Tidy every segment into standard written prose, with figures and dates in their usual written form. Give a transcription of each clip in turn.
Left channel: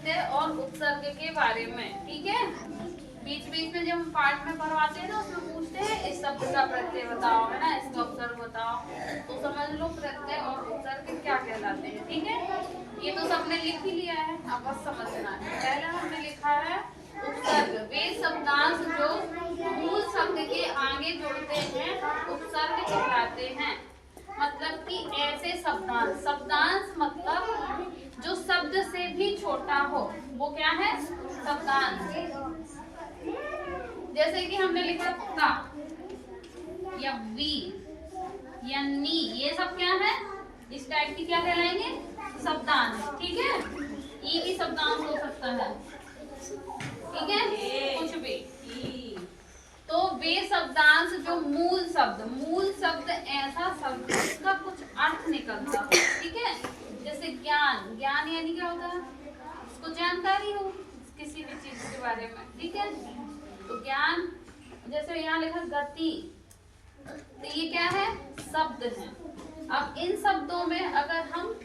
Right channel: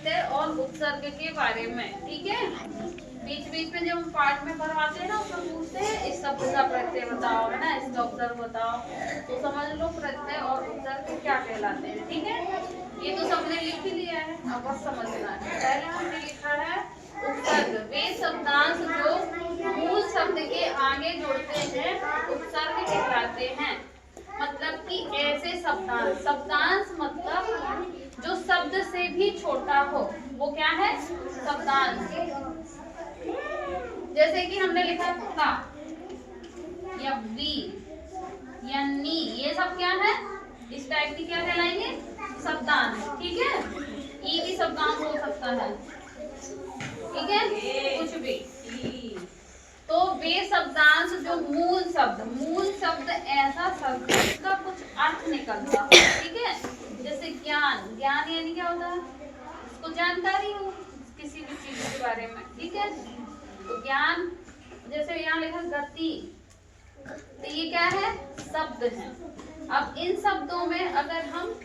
प्रत्यय और उपसर्ग के बारे में। ठीक है, बीच बीच में जब हम पाठ में पढ़वाते हैं ना, उसमें पूछते हैं इस शब्द का प्रत्यय बताओ, है ना, इसका उपसर्ग बताओ, तो समझ लो प्रत्यय और उपसर्ग क्या कहलाते हैं। ठीक है, ये तो सबने लिख ही लिया है, अब बस समझना है। पहले हमने लिखा है उपसर्ग, वे शब्दांश जो मूल शब्द के आगे जुड़ते हैं उपसर्ग कहलाते हैं। मतलब कि ऐसे शब्दांश, शब्दांश मतलब जो शब्द से भी छोटा हो, वो क्या है, शब्दांश। जैसे कि हमने लिखा ता या वी या नी, ये सब क्या है, इस टाइप की क्या कहलाएंगे, शब्दांश। ठीक है, ई भी शब्दांश हो सकता है, ठीक है, कुछ भी। तो वे शब्दांश जो मूल शब्द ऐसा शब्द जिसका कुछ अर्थ निकलता है। ठीक है, जैसे ज्ञान, ज्ञान यानी क्या होता है, उसको जानकारी हो किसी भी चीज के बारे में। ठीक है, तो ज्ञान। जैसे यहाँ लिखा गति, तो ये क्या है, शब्द है। अब इन शब्दों में अगर हम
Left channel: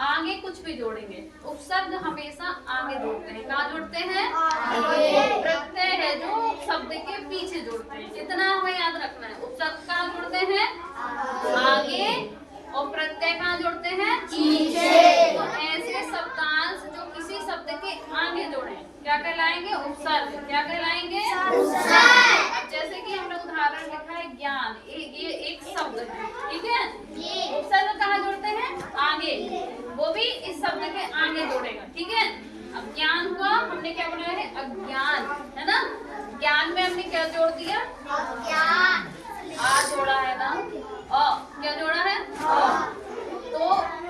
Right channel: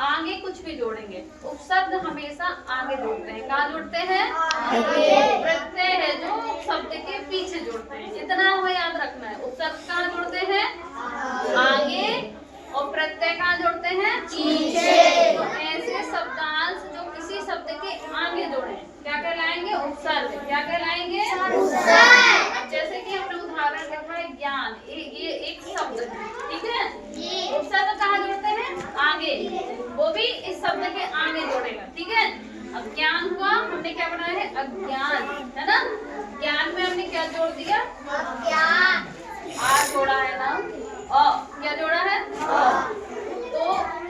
आगे कुछ भी जोड़ेंगे, उपसर्ग हमेशा आगे जोड़ते हैं। कहाँ जोड़ते हैं, आगे। प्रत्यय है जो शब्द के पीछे जोड़ते हैं, इतना हमें याद रखना है। उपसर्ग कहाँ जोड़ते हैं, आगे, और प्रत्यय कहाँ जोड़ते हैं, पीछे। तो ऐसे शब्दांश जो किसी शब्द के आगे जोड़े क्या कहलाएंगे, उपसर्ग। क्या कहलाएंगे, उपसर्ग। अब जैसे कि हमने उदाहरण लिखा है ज्ञान, ये एक शब्द है। ठीक है, उपसर्ग कहाँ जोड़ते हैं, आगे, वो भी इस शब्द के आगे जोड़ेगा। ठीक है, अब ज्ञान हुआ, हमने क्या बनाया है, अज्ञान, है ना। ज्ञान में हमने क्या जोड़ दिया, ज्ञान, आ जोड़ा है ना, क्या जोड़ा है, तो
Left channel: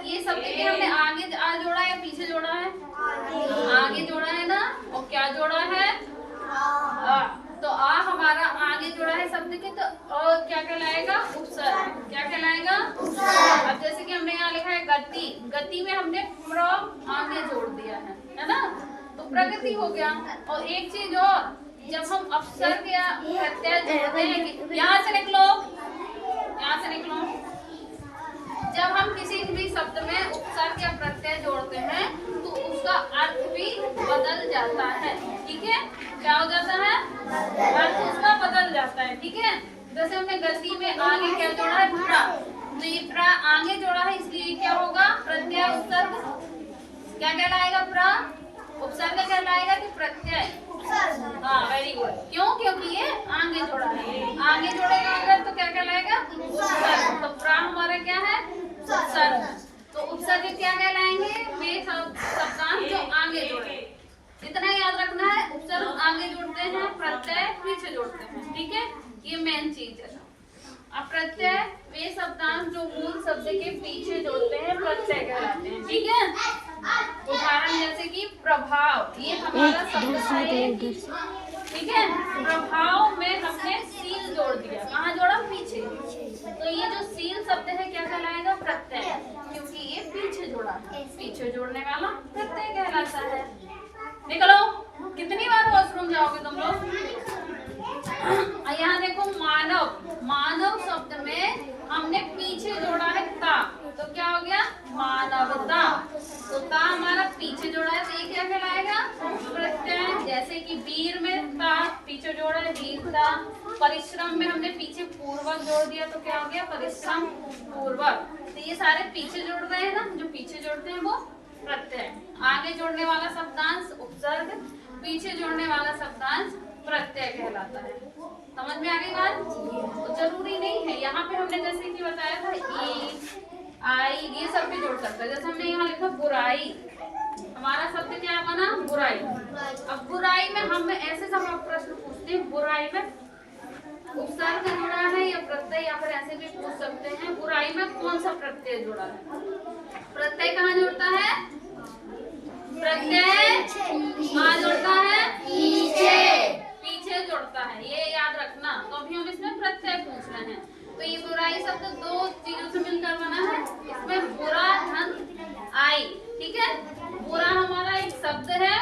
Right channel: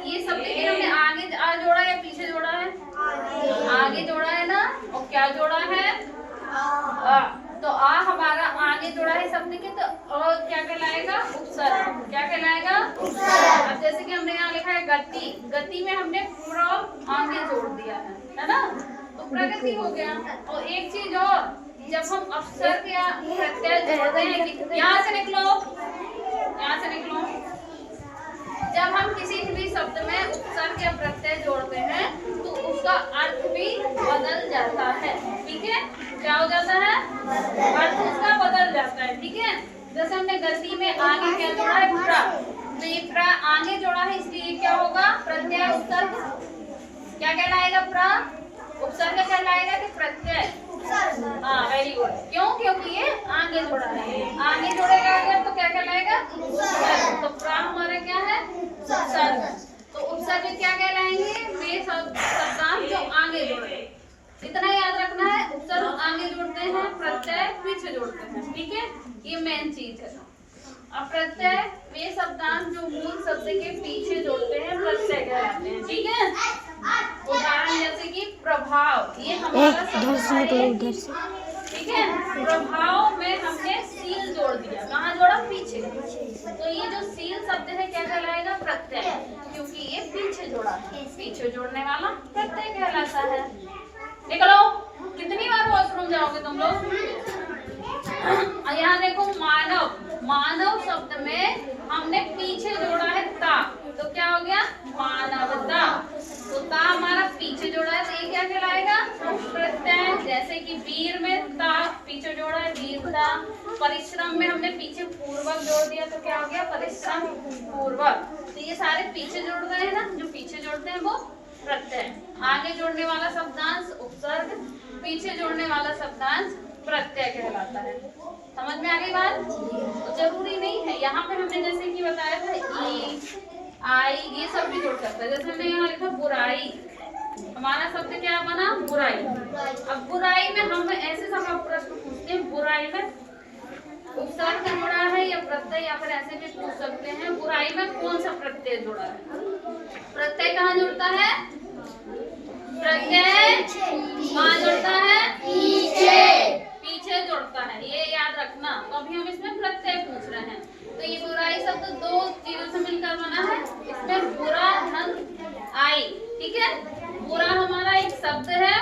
ये शब्द के हमने आगे आ जोड़ा या पीछे जोड़ा है, आगे जोड़ा है ना, और क्या जोड़ा है, आ। तो आ हमारा आगे जोड़ा है शब्द के, तो क्या कहलाएगा, उपसर्ग। क्या कहलाएगा, उपसर्ग। अब जैसे कि हमने यहाँ लिखा है गति, गति में हमने प्र आगे जोड़ दिया है ना, तो प्रगति हो गया। और एक चीज और, जब हम अपसर्ग या प्रत्यय जोड़ते हैं, यहाँ से निकलो, यहाँ से निकलो, जब हम किसी भी शब्द में उपसर्ग या प्रत्यय जोड़ते हैं तो उसका अर्थ भी बदल जाता है। ठीक है, क्या हो जाता है, अर्थ उसका बदल जाता है। ठीक है, जैसे हमने गति में आगे क्या जोड़ा है, प्र, तो ये प्र आगे जोड़ा है, इसलिए क्या होगा, प्रत्यय उपसर्ग। क्या कहलाएगा, प्र उपसर्ग कहलाएगा कि प्रत्यय, हाँ वेरी गुड। क्यों, क्योंकि ये आगे जोड़ा है, आगे जोड़ेगा अगर तो क्या कहलाएगा, उपसर्ग। तो प्र हमारा क्या है, उपसर्ग। तो उपसर्ग क्या कहलाएंगे, वे शब्दांश जो आगे जोड़े, इतना याद रखना है। उपसर्ग आगे जोड़ते हैं, प्रत्यय पीछे जोड़ते हैं। ठीक है, ये मेन चीज है। अब प्रत्यय वे शब्दांश जो मूल शब्द के पीछे जोड़ते हैं, प्रत्यय कहलाते हैं। ठीक है, उदाहरण जैसे कि प्रभाव, ये हमारा शब्द है। ठीक है, प्रभाव में हमने सील जोड़ दिया, कहाँ जोड़ा, पीछे। तो ये जो सील शब्द है क्या कहलाएगा, प्रत्यय, क्योंकि ये पीछे जोड़ा है, पीछे जोड़ने वाला प्रत्यय कहलाता है। निकलो, कितनी बार वॉशरूम जाओगे तुम लोग। यहाँ देखो, मानव, मानव शब्द में हमने पीछे जोड़ा है ता, तो क्या हो गया, मानवता। तो ता हमारा पीछे जोड़ा है, तो ये क्या कहलाएगा, प्रत्यय। जैसे कि वीर में ता पीछे जोड़ा है, वीरता। परिश्रम में हमने पीछे पूर्वक जोड़ दिया, तो क्या हो गया, परिश्रम पूर्वक। तो ये सारे पीछे जोड़ रहे हैं ना, जो पीछे जोड़ते हैं वो प्रत्यय। आगे जोड़ने वाला शब्दांश उपसर्ग, पीछे जोड़ने वाला शब्दांश प्रत्यय कहलाता है। समझ में आ गई बात, तो जरूरी नहीं है। यहाँ पे हमने जैसे कि बताया था ई, आई, ये सब भी जोड़ सकता है। जैसे हमने यहाँ लिखा बुराई, हमारा शब्द क्या बना, बुराई। अब बुराई में हम ऐसे सब प्रश्न पूछते हैं, बुराई में उपसर्ग जुड़ा है या प्रत्यय, या फिर ऐसे भी पूछ सकते हैं बुराई में कौन सा प्रत्यय जुड़ा है। प्रत्यय कहाँ जुड़ता है, प्रत्यय कहाँ जुड़ता है, पीछे, पीछे जुड़ता है, ये याद रखना। तो अभी हम इसमें प्रत्यय पूछ रहे हैं। तो ये बुराई शब्द दो चीजों से मिलकर बना है, इसमें बुरा धन आई। ठीक है, बुरा हमारा एक शब्द है,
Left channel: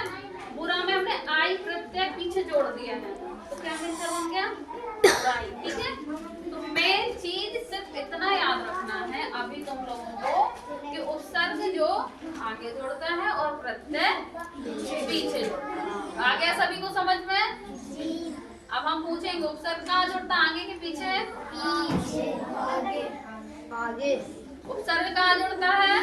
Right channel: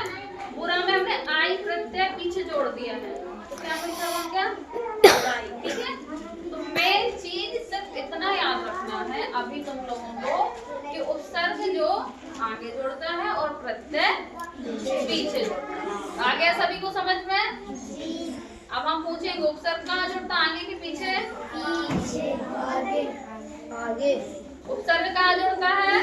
बुरा में हमने आई प्रत्यय पीछे जोड़ दिए हैं, तो क्या मिलकर बन गया, बुराई। ठीक है, तो मेन चीज सिर्फ इतना याद रखना है, अभी तुम लोगों को कि उपसर्ग जो आगे जोड़ता है और प्रत्यय पीछे जोड़ता है। आ गया सभी को समझ में? अब हम पूछेंगे उपसर्ग कहाँ जोड़ता है, आगे के पीछे? आगे। उपसर्ग कहाँ जोड़ता है?